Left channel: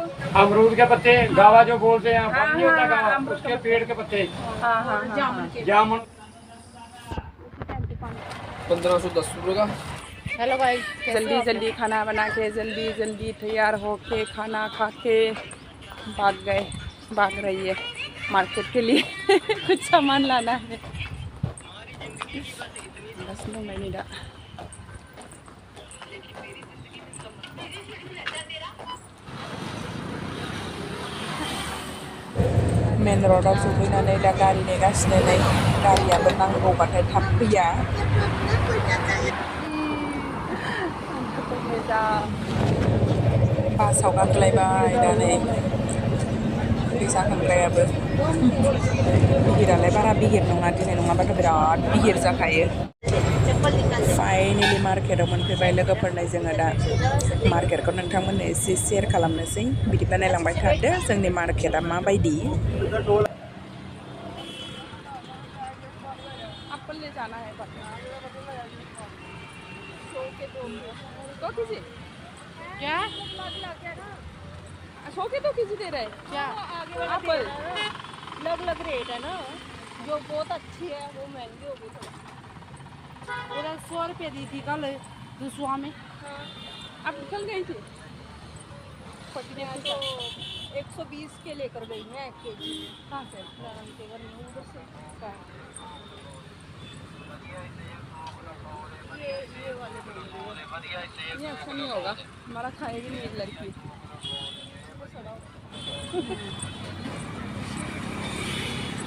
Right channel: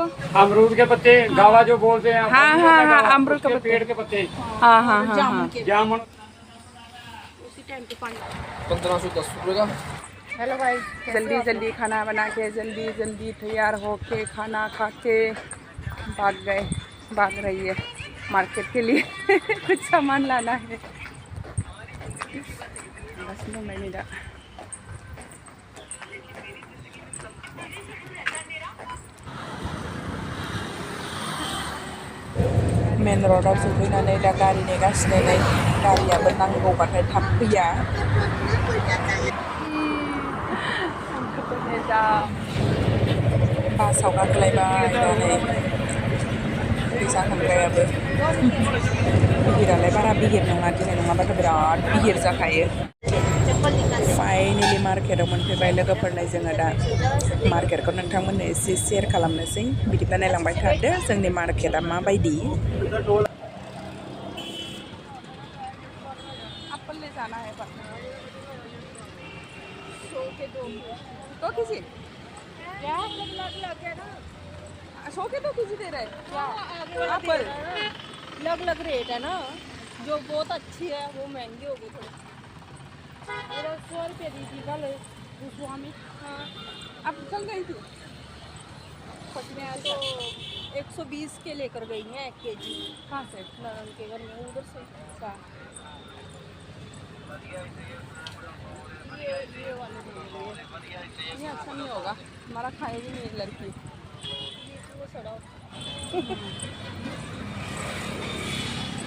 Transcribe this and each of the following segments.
इसको? अमरूद के पत्ते, गावा जो बोलते हैं। हाँ हाँ हाँ, अमरूद के पेड़ के पत्ते। हाँ हाँ हाँ। जामुन 1510 रुपये का। हेलो भाई, जल्दी जल्दी खाना बना के जल्दी जल्दी तैयार होके खाना खा के भाग रही है मार्केट के लिए। कुछ सामान लाना है बस। नो मैंने मेन रोडाव सफैनानै दा गारि नेगासिनो नै गारियाबो नांगौबाथाय थाब फैया। बासाव गाखोलायबाय दा नै फैसा खांग्रायाबो। बिहिरालाय बारा बिहिर नङा, दिनै नङाबाथ' बिराद बिहिर जाखायो। फाइनेलि मार्केटाव मोनफैबाय लोगोफोरनो जोङो दा मार्केटखौ नोंथांमोननो एसे शेयार खालामनोसै। बिदिब्ला नायलांबाय थादो जोंनि मार्केटा माबायदि। एप्पल ले जाना है पर 2 केजी क्या 100 के 2 केजी दे रहे क्या एप्पल? अलग रेट है ना, जो बहुत अच्छी है वो महंगी होगी थोड़ी। 100 रुपये दी थी कल दूसरा में। अब चल गई थी 120 के लेकर गई हैं 1 केजी। कहाँ से? नारायण के घर में उधर से। ये वाले ये अच्छा नहीं होगा, हमारा खाएगी नहीं लड़की।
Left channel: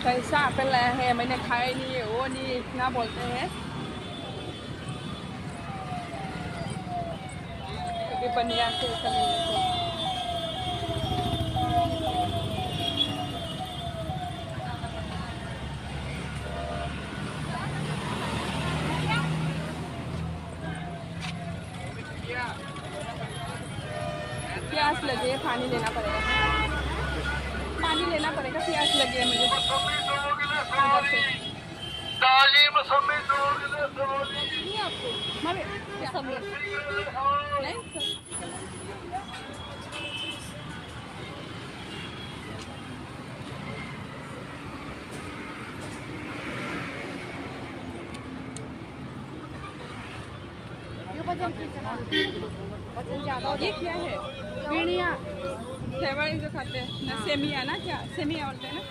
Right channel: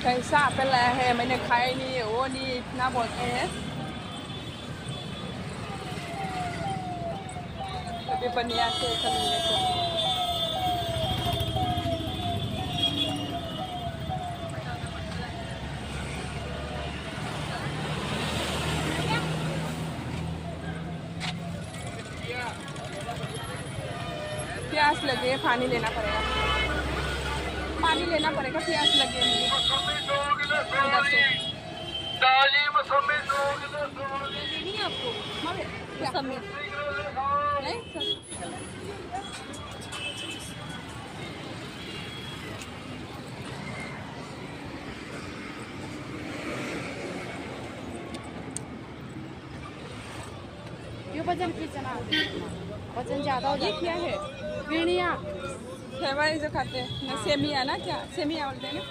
कैसा एप्पल लाया है, मैंने खाया ही नहीं है, वो नहीं इतना बोलते हैं। कभी बनिया से मिलने से प्यास लगे है, पानी लेना पड़ेगा, पानी लेना पड़ेगा, प्यास लगी है मुझे उधर से। नहीं आपको नहीं ये वजन वजन ज्यादा हो। ये क्या है? पीड़िया फेवर जो खाते हैं ना, सेमिया ना, क्या सेमिया बोलते हैं ना?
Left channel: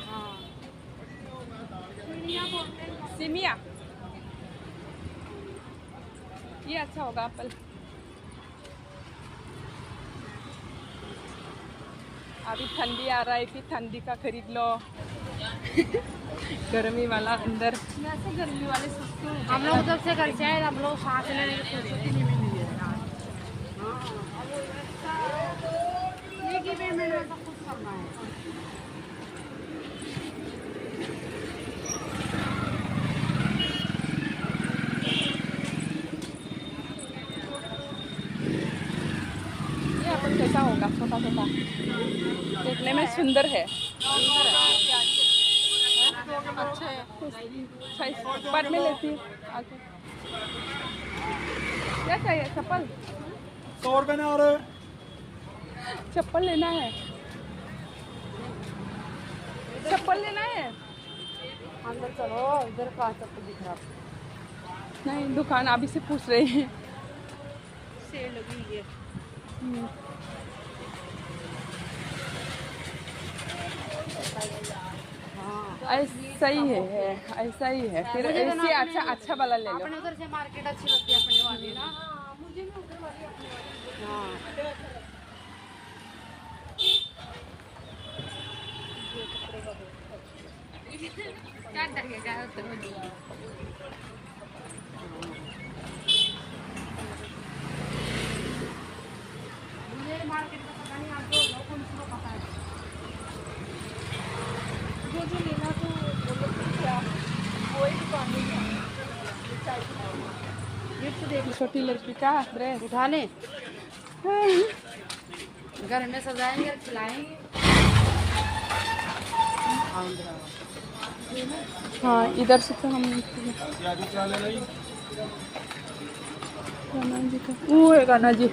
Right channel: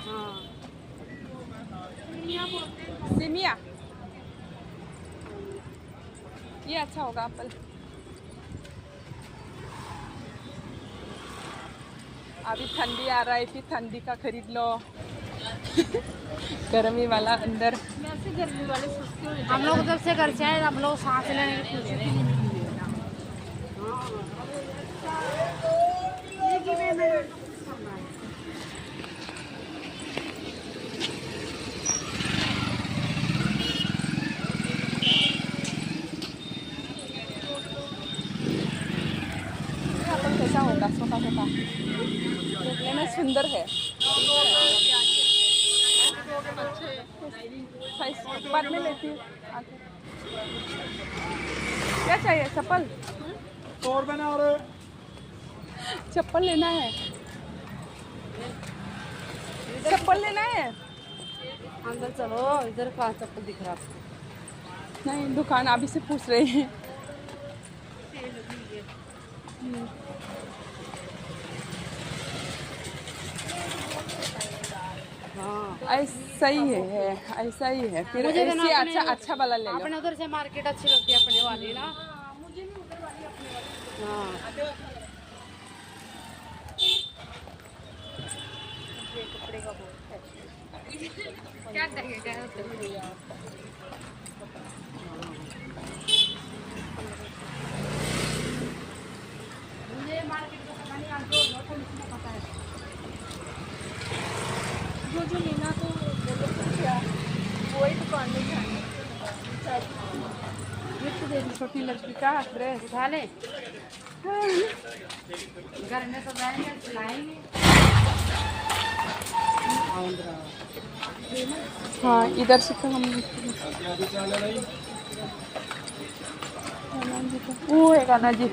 पीड़िया बोलते हैं। सेमिया ये अच्छा होगा एप्पल। अभी ठंडी आ रहा है, फिर ठंडी का खरीद लो। गर्मी वाला अंदर। वैसे गर्मी वाले सस्ते हो। हम लोग उधर से घर से आए, हम लोग सांस लेने की फुर्सत ही नहीं मिली है। ये एप्पल कैसा होगा? छोटा छोटा, देखने में सुंदर है। बाद में लेती हूँ आके। क्या चाहिए? चप्पल? 100 रुपये ने। और चप्पल लेना है, चप्पल लेना है। अंदर चलो, इधर कहाँ चप्पल दिख रहा? नहीं, दुकान अभी से पूछ रहे हैं। सेल हुई है। ऐसा ही है, ऐसा ही है। फिर ऐसे अच्छा वाला ले लो। अपने उधर से मार्केट अच्छी लगती है, अपने वाली ना। मुझे भी उधर वाली अपने वाली। क्या चाहिए? मुझे मार्केट का पता नहीं, आज जो कौन सा पता है। जो लेना तो वही दुकान में गिफ्ट दे दी। छोटी लड़की का ड्रेस उठा ले, घर में सजाएंगे, खिलाएंगे। हाँ, इधर से तो हम गाना जी, तो वो है गाना जी।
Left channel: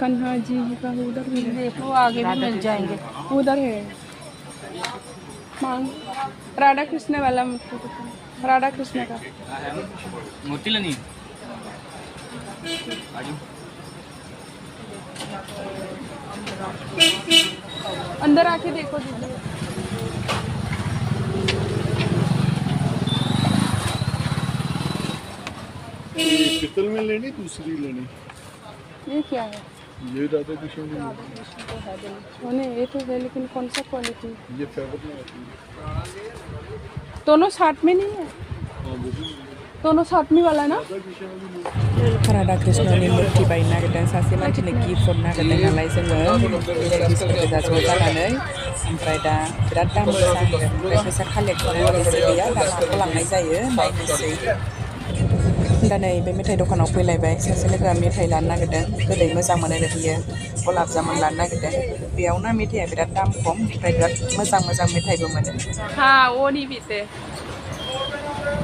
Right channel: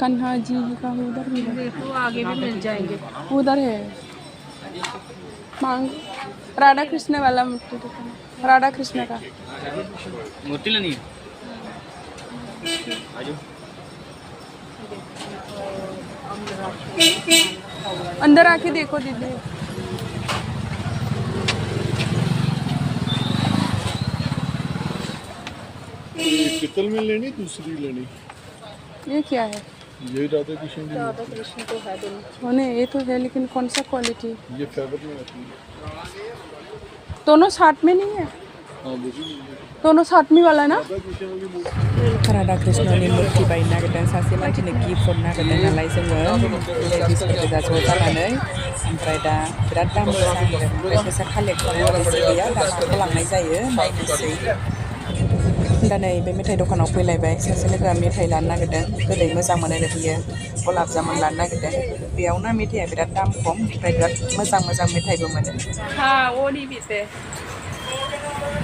कन्हा जी का उधर भी है। देखो आगे भी मिल जाएंगे। उधर है मांग राधा कृष्ण वाला मूर्ति दुकान, राधा कृष्ण का। मूर्ति लेनी आजो। अंदर आके देखो दीदी। ये पितल में लेनी दूसरी लेनी? ये क्या है? ये राधा कृष्ण की राधा कृष्ण तो है नहीं, ये तो है लेकिन कौन सा क्वालिटी? ये फेवर में आती है। दोनों साथ में नहीं है? हाँ वही दोनों साथ में वाला ना? राधा कृष्ण वाली मूर्ति। राधा कृष्णनि मूर्ति बायनो नागिरदों सासे मानसिनो गिफ्ट हरनो नागिरदों नालाय जोङो लेडिसफोरखौ दा ज' जानानै ओमफ्राय दा बिराद दाम गोसा होनदों ओमफ्राय फैसा कालेक्ट खालामनो एसे गैया दा माखौ लांनाय जायो नायनोसै। दा नै बे मेथाइ दखानाव फैलायबाय सासे लोगोआ मेथाइ लानो नागिरदों गोदै मोजां मोनो बियो गलाब जामुन लानो नागिरदों बेयावनो मेथाइया बिराद दाम खम ओमफ्राय बिराद मोजां मोजां मेथाइबो मोनो। हाँ वो नहीं पीते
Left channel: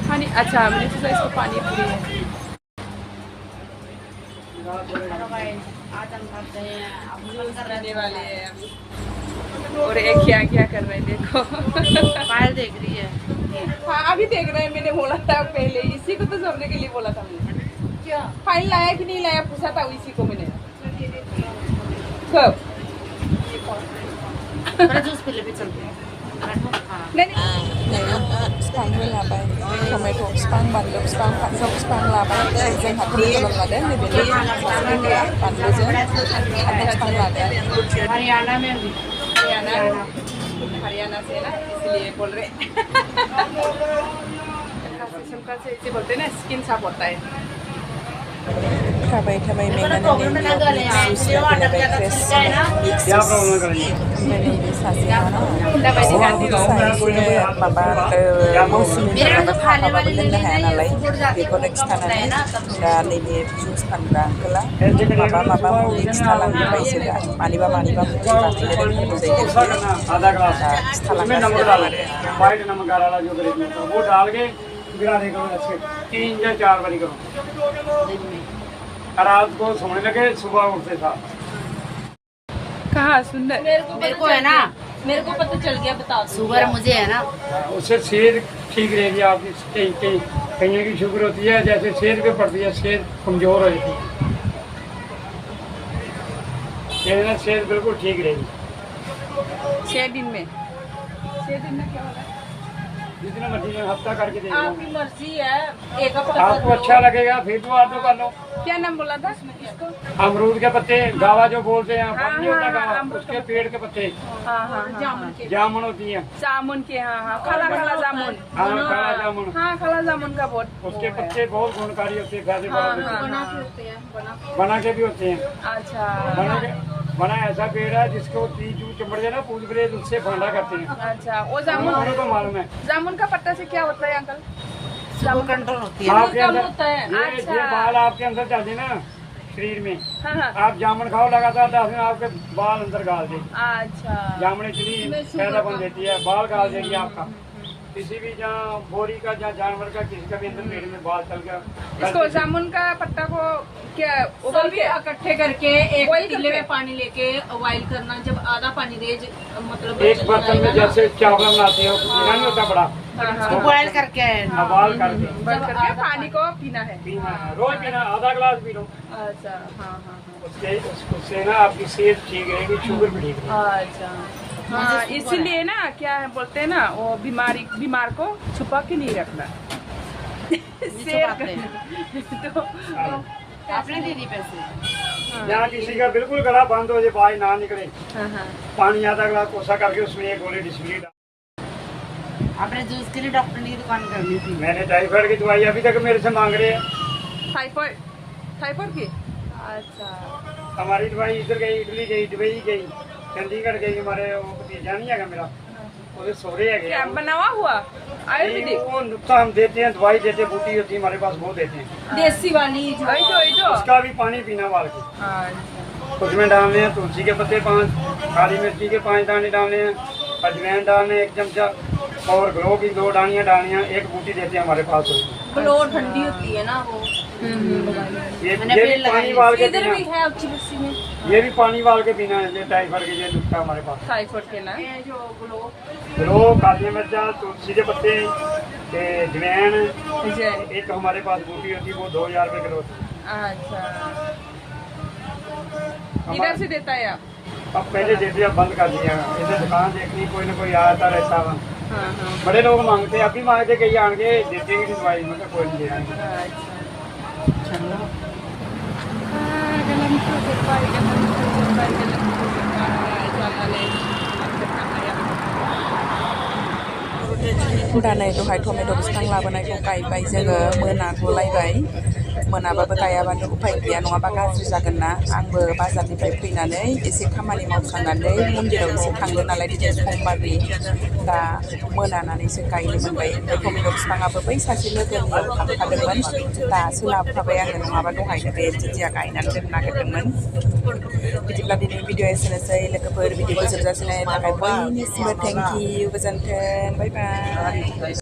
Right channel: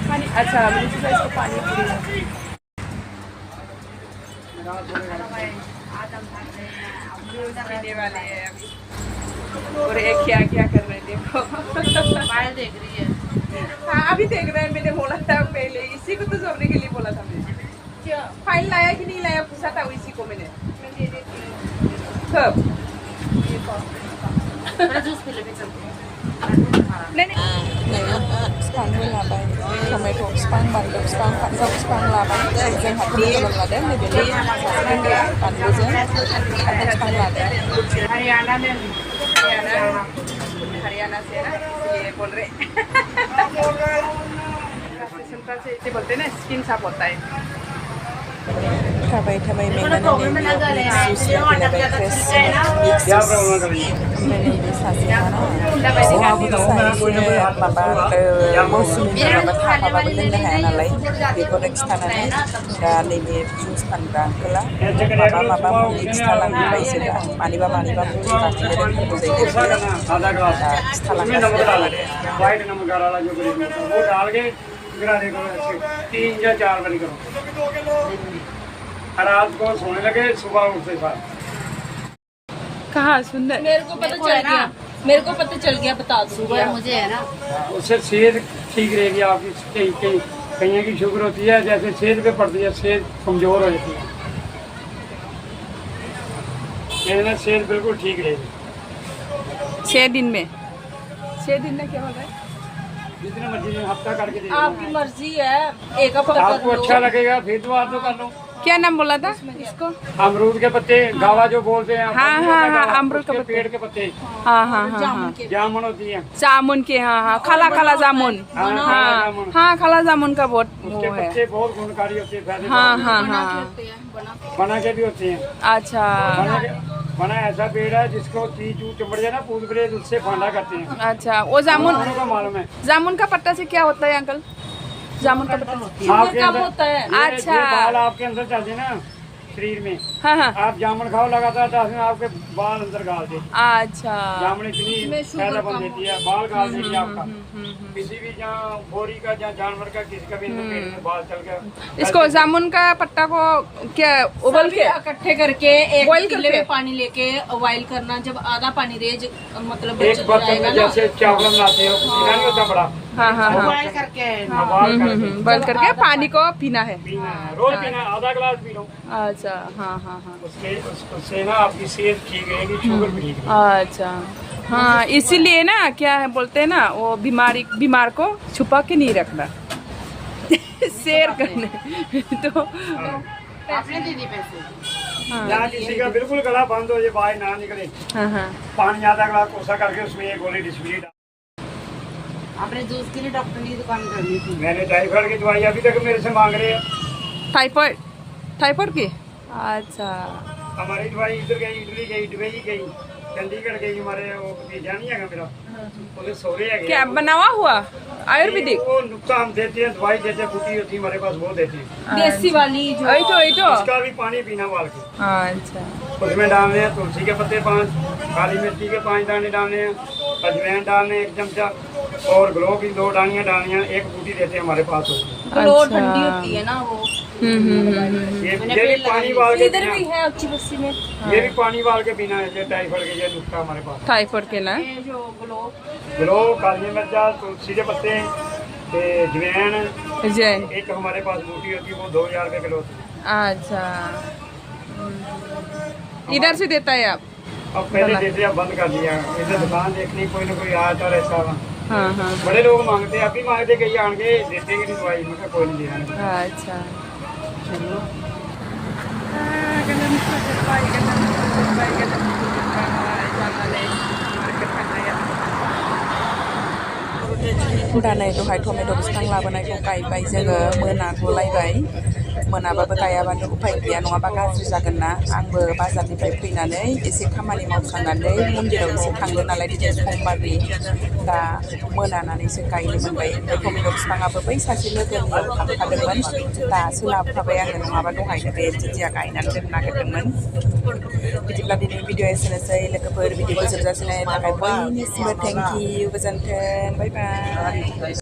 पानी। अच्छा मैंने सोचा इसको पानी पूरी है। पीने वाले हैं अभी और एक क्या क्या कर रहे हैं देखो। पायल देख रही है। हाँ अभी देख रहे हैं, मैंने बोला था पहले इसी को तो जोड़ने के लिए बोला था मैंने। क्या फाइल लाया कि नहीं लाया पूछा था इसी को मैंने। कब? जूस पीले पे चलते हैं। बिफां लाबाय टमेट' बिफां बानलु बिफां फान्थाव बिफां लाबाय जोंहा टमेट' लादों नैबे बानलुजों फान्थाव बिफां लादों। हरियाणा में हरियाणा से ना इसलिए बोल रहे। सुनकर से इसे बोलते हैं ना स्किन साफ होता है। थाबाय थाबाय मेंनानै मिक्स जुइस लाफैलायबाय फ्रेस मिक्स जुइस ओमफ्राय नैबे सासेया माबा मौसुमिनि माबा थाफाबाबो लोंनो हाया नालाय बेखौनो खिथानानै दा नैबे जुइस फानग्रा आंकोला माबा मुलि खिथालांबाय इसोर दा मानिबा मुलि बानायनो रोंगौ जाहैदों बियो दा खिथालांगासिनो दं आरो। वाइट नमक वाला जो ग्रेवी होता है वो डाल के गिराने को ऐसे 3 या 4 बारी करो। रात को सोने लगे सुबह उठते साथ। कहाँ सुंदर मेरे को है ना, मेरे को पता चल गया। बता दो शुगर मुझे है ना, उससे सेहत ठीक रहेगी आपकी। कहीं की शुगर होती है जैसे सेहत पे पड़ती है, सेहत कमजोर हो जाती है। मेरे ना सेहत बिल्कुल ठीक रहेगी 6 दिन में। 6 दिन में क्या होगा? जितना मर्जी में हफ्ता करके दे आपकी दूंगा। मर्जी है। एक हफ्ता आपको अच्छा लगेगा फिर तो आप तो कर लो। क्या नाम बोला था इसको? अमरूद के पत्ते, गावा जो बोलते हैं, हाँ, फल नहीं होता हाँ, गावा, अमरूद उसके के पेड़ के पत्ते, हाँ हाँ हाँ हाँ जामुन होती है। जामुन के हाँ हाँ खाला खाला जामुन। हाँ, काला जामुन। हाँ खाला जामुन का बहुत उसके वो है। पत्ते बहुत गुणकारी होते हैं, फायदे हाँ बहुत हाँ होते हाँ हैं। बना के भी होते हैं। अच्छा बना ऐसा पेड़ है जिसको चीज चमड़ जाए ना पूछ बरेज उससे फांडा करते हैं। अच्छा वो जामुन उन्होंने को मालूम है। जामुन का पत्ता से क्या होता है अंकल? जामुन का पत्ता आपके कब अंदर होता है? ये अच्छा। ये बाल आपके अंदर चलते हैं ना शरीर में, हाँ हाँ आप जामुन खाओ लगातार 10 दिन आपके बाल अंदर गाल देगी। अच्छा जामुन इतनी फायदा बन देती है, बाल गाल देगी आपका। किसी भी जहाँ बोरी का जहाँ जानवर का किसी का भी अंदर पेड़ में बाल चल गया। इसको जामुन का पत्ता को क्या उबल के इकट्ठे करके एक Boil किले करके? में पानी लेके बॉइल करना। जब आधा पानी रेज मतलब एक बर्तन में जैसे चावल बनाते हो पीना नहीं होता बड़ा, हाँ हाँ बॉइल करके बाल करके बॉइल करके पानी को पीना है। पीना है। रोज पीना, आधा गिलास पी लो। अच्छा हाँ हाँ हाँ उससे ना आपकी सेहत ठीक रहेगी, शुगर भी ठीक रहेगी। अच्छा हाँ इसीलिए ना क्या है बोलते हैं ना वो बीमार को छुपा के नहीं रखना शेयर करने तो आपने दे दी पैसे। जहाँ किसी का बिल्कुल गला बंद हो जाए, बाहर ना निकले, हाँ हाँ पानी आधा गिलास कोसा करके उसमें एक गोली डिस्प्ली डाल। आपने जूस के लिए डॉक्टर की दुकान करनी थी। मैंने टाइफाइड की दवाई अभी तक मेरे से मांग रहे हैं। टाइफाइड की? अच्छा हमारी दवाई इधर गई, इटली गई, दुबई गई, चंडीगढ़ गई। हमारे वो भतीजा नहीं है मेरा, वो सोरे है क्या बनावा हुआ आयुर्वेदिक? वो नुस्खा हम देते हैं, दवाई देते हैं, बूटी होती है हमारे पास, वो देते हैं। देसी वाली जो वही तो उसका भी पानी पीना वाल के, अच्छा उसमें डालने हैं तुलसी के पत्ते 5, काली मिर्ची के 5 दाने डालने हैं, अजवाइन डालने 1 चमचा, और ग्लो की 2 डालियाँ डालनी हैं। एक बूटी देते हैं हमारे पास। ग्लो अच्छा। ठंडी होती है ना वो। ये भी पानी वाल के इधर पीना, भी है अच्छी बस्ती में ये भी पानी वाल के पीना है। ये टाइफाइड के ये नुस्खा हमारे पास। टाइफाइड के ना ये जो ग्लो ग्लो, काली मिर्चा, तुलसी के पत्ते, जवैन, जैन। एक हमारे पास बूटी होती है वो 2000 रुपये किलो। अच्छा, इधर से देता है आप? अब पहले जैसे अब बंद कर दिया, इधर दुकान देखनी कोई ना कोई आता रहता है। हाँ हाँ। बड़े लोग मांगते हैं, अभी मांगते कहीं आन के देते कि नहीं दवाई, मैं कोई नहीं दे रहा। अच्छा, चलो। Ganun po, goodbye, ganun po, goodbye, jalan market kaya. दा नै दहाय टमेट' बिफां लाबोनायखौ गायबाय जोङो, मोनागुलायबाय। मोनाबाबो गायाबानो उफाय गैया, नङाबा गाज्रि जागोन ना। आंबो बाजारनिफ्राय फैनानै एसे खामानि मावखांनानै मन्दिराव एसे थांदों नालाय दिनै समबारनि, दा मोनानानैसो गायनो मोनबाय। ओमफ्राय टमेट' बिफाङाबो बै सासे लोगोनियाव थांखादोंमोन, दा सोलाबखाबाय आङो, नङाबा दहायनो बे जिजिया गायनानै दोननो नागिरदोंमोन। बिदिब्ला दिनै भिडिअ एसेनोसै लोगोफोर, भिडिअखौ जोबजासिम नायनो थाखाय बयनिसिमबो थेंक इउ, गोजोन्थों, बाय बाय।